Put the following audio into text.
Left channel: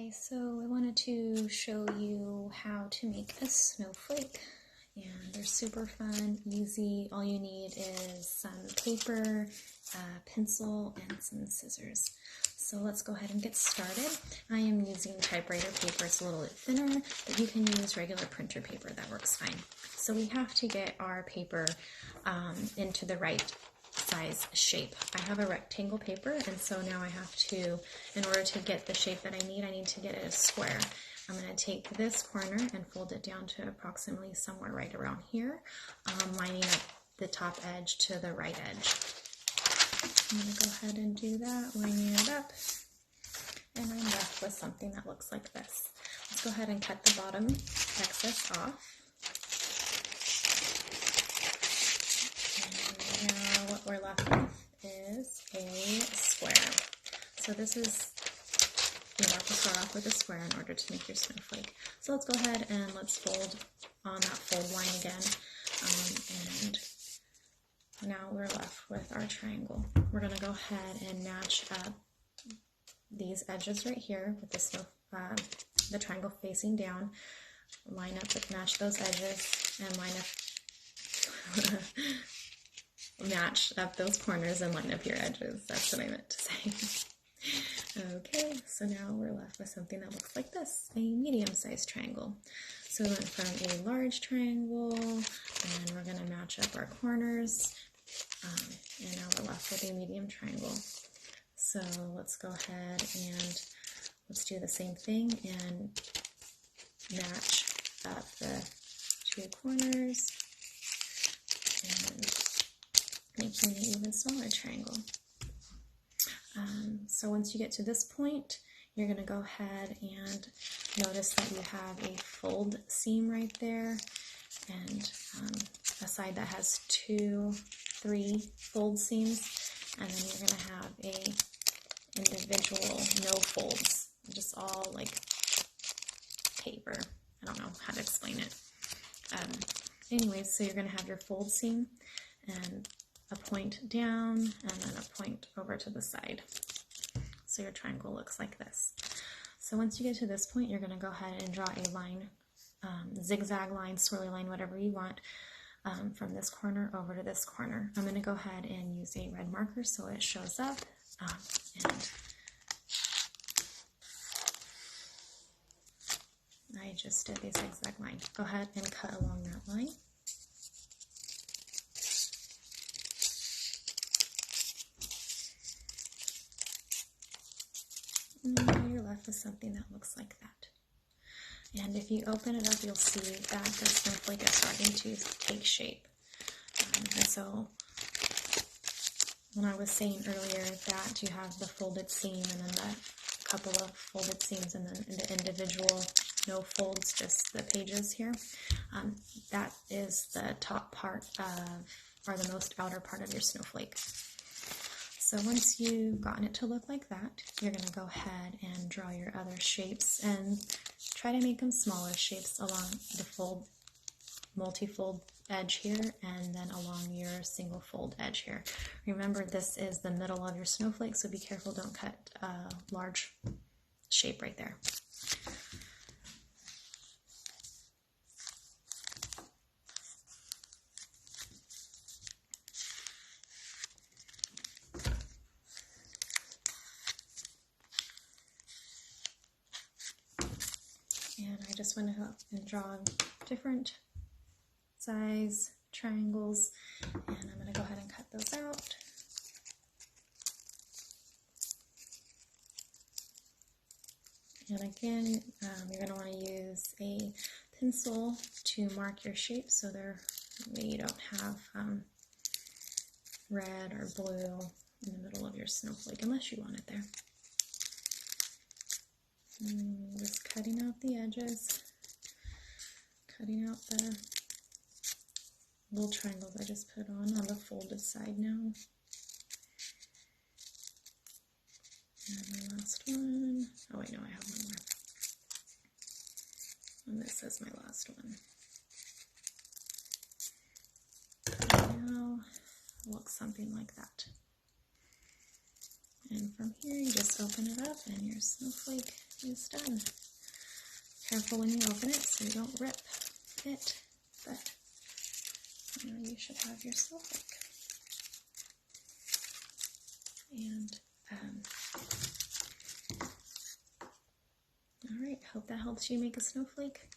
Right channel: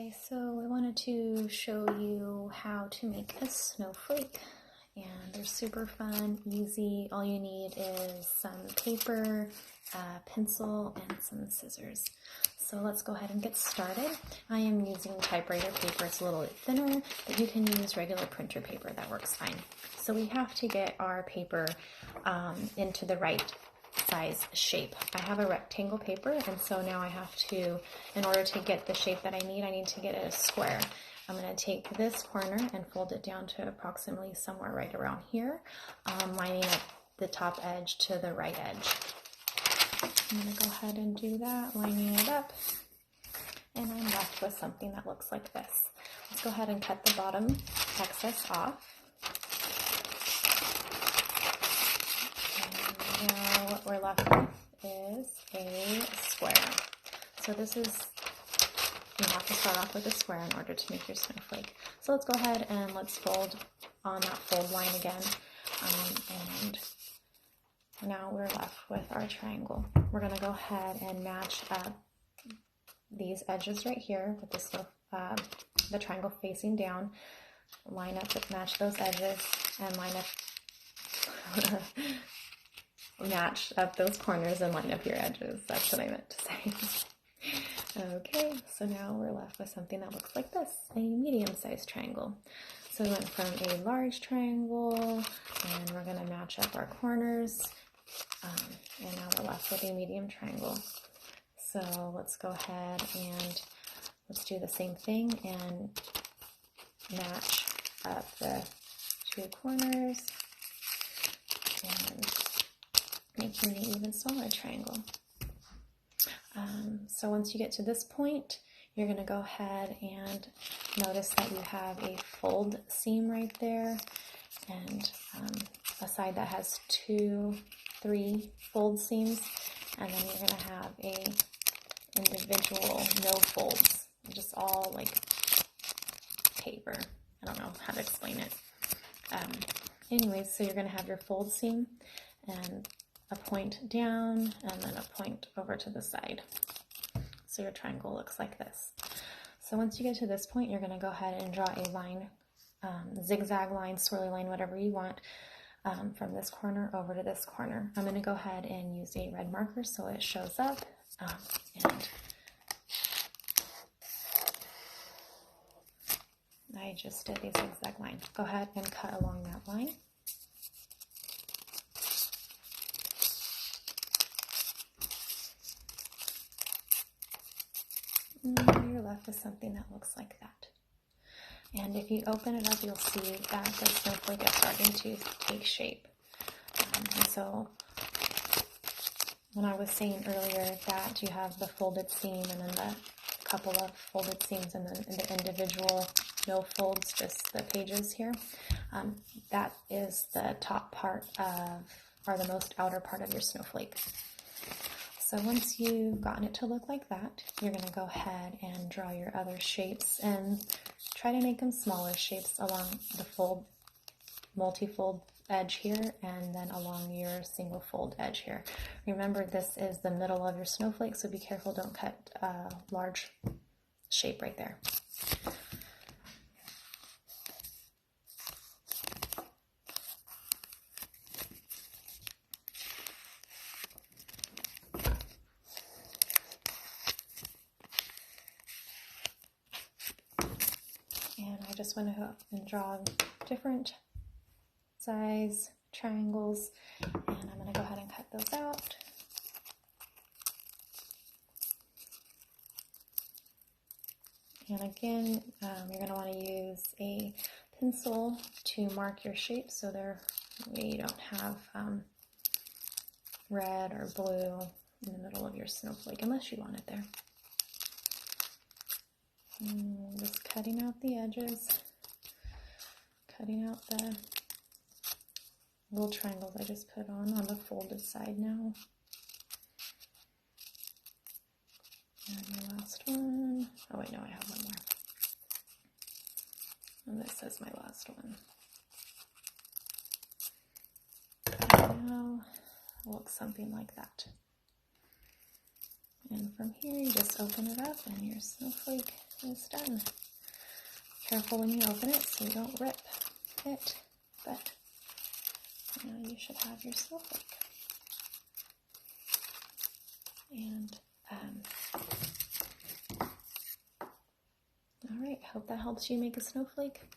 Okay, so I wanted to show you how to make a snowflake, and they're super fun, easy. All you need is some paper, a pencil, and some scissors. So let's go ahead and get started. I am using typewriter paper. It's a little bit thinner, but you can use regular printer paper. That works fine. So we have to get our paper into the right size shape. I have a rectangle paper, and so now I have to, in order to get the shape that I need to get it a square. I'm going to take this corner and fold it down to approximately somewhere right around here, lining up the top edge to the right edge. I'm going to go ahead and do that, lining it up, and I'm left with something that looks like this. Let's go ahead and cut the bottom excess off. Now what we're left with is a square. So this is, you have to start off with a square in order to make your snowflake. So let's go ahead and let's fold on that fold line again. And now we're left with our triangle. We're going to go ahead and match up these edges right here with the triangle facing down. Line up, match those edges, and line up match up those corners and line up your edges. That's what I meant to say. Okay, so now we're left with something that looks like this, a medium-sized triangle. So we went from a large triangle, and we're going to match up our corners, and now we're left with a medium triangle. So let's go ahead and let's do the same thing and match up the two corners and making an even smaller triangle. So once you get to this point, you're going to go ahead and notice that you have a fold seam right there, and a side that has 2-3 fold seams, and then you're going to have a individual no folds, just all like paper. I don't know how to explain it. Anyways, so you're going to have your fold seam and a point down and then a point over to the side. So your triangle looks like this. So once you get to this point, you're going to go ahead and draw a line, zigzag line, swirly line, whatever you want, from this corner over to this corner. I'm going to go ahead and use a red marker so it shows up. And I just did a zigzag line. Go ahead and cut along that line. And you're left with something that looks like that. And if you open it up, you'll see that the snowflake is starting to take shape. And so when I was saying earlier that you have the folded seam and then the couple of folded seams and then the individual no folds, just the pages here, that is the top part of, or the most outer part of your snowflake. So once you've gotten it to look like that, you're going to go ahead and draw your other shapes and try to make them smaller shapes along the fold, multi-fold edge here, and then along your single fold edge here. Remember, this is the middle of your snowflake, so be careful, don't cut a large shape right there. And I just went ahead and draw different size triangles, and I'm going to go ahead and cut those out. And again, you're going to want to use a pencil to mark your shape so you don't have red or blue in the middle of your snowflake, unless you want it there. Just cutting out the edges, cutting out the little triangles I just put on the folded side now. And the last one. Oh wait, no, I have one more. And this is my last one. Now, it looks something like that. And from here, you just open it up and your snowflake is done. Careful when you open it so you don't rip it, but you should have your snowflake. And all right, hope that helps you make a snowflake.